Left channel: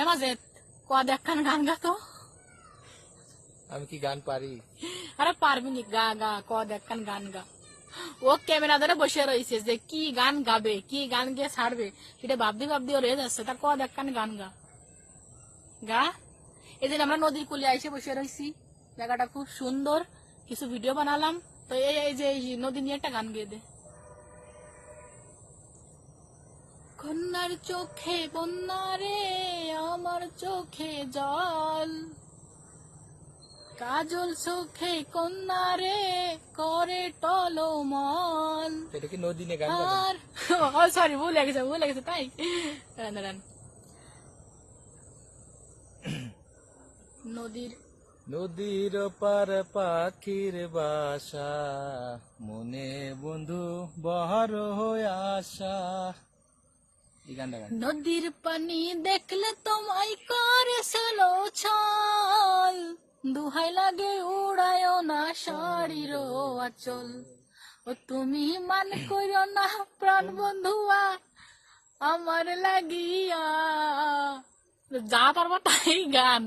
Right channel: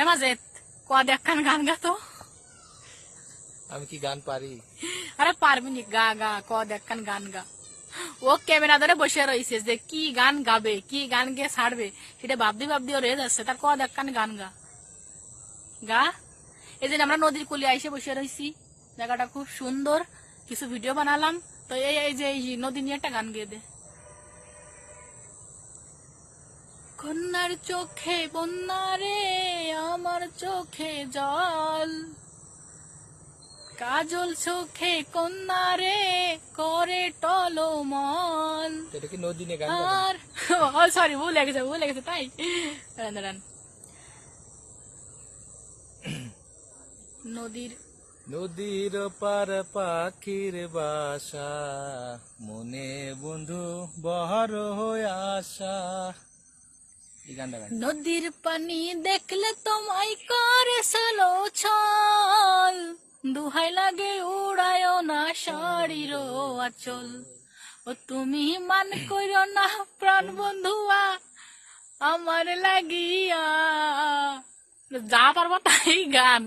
এমাজে কদ একখান গান গা তো। আমি কি গান পারি? আরে পারবি নি, গা গা কদ একখান গান গা। ও ক্যামেরা ধরে বসে রয়েছে যে কি গান গাবে, কি গান গিয়ে ছাড়বে, সেটা ভাবতে ভাবতে ওর হয়ে যাচ্ছে। তার কদ একখান গান গা গা। এই যে আমরা নদীর কুলে এসে বসে রয়েছি, জায়গাটা খুব সুন্দর, কিছু ভিডিও বানালাম। তো এই যে এই নদী নিয়ে একটা গান গেয়ে দে। কন্যার চোখে বন্যা রে, আমার চোখে জল, কাজল চোখে কন্যা রে, করে টলমল। এটা কি নদী নিয়ে গান আর ও সরি, ভুলে গেছে তাই। দাঁড়ান দাঁড়ান। নদীর নদীর পার পাখির বাসা, মনে বন্ধু বহর হয়ে আসা। এই গানটা গান। নদীর পানি দেখলে তোমায় করে সালো ছল, দুহাই লাগে উড়ায় না শাড়ির আচল। ও তুমি মান করো না প্রাণ বন্ধুয়া আমার লাগিয়া। যা পারবা তাই গান।